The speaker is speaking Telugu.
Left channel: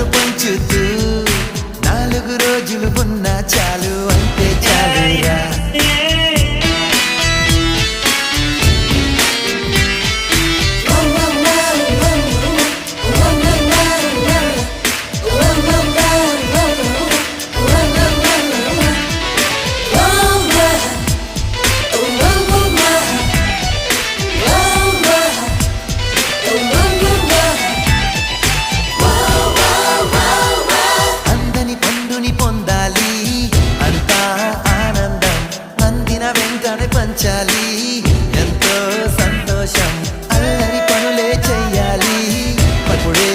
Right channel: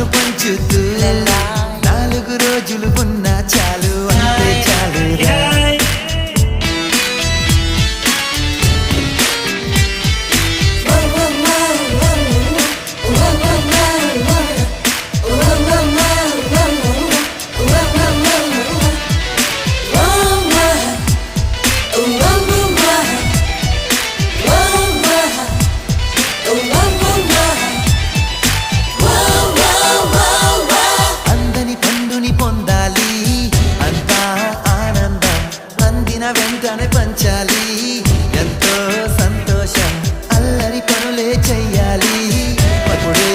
నవ్వును పంచుతూ 4 రోజులు ఉన్నా చాలు అంతే చాలురా. పండుని పొందాలి అంతా ఆనందం, అందిన వెంటనే పంచాలి ఎంతో సంతోషం, అల్లరి పనులే చెయ్యాలి అప్పుడే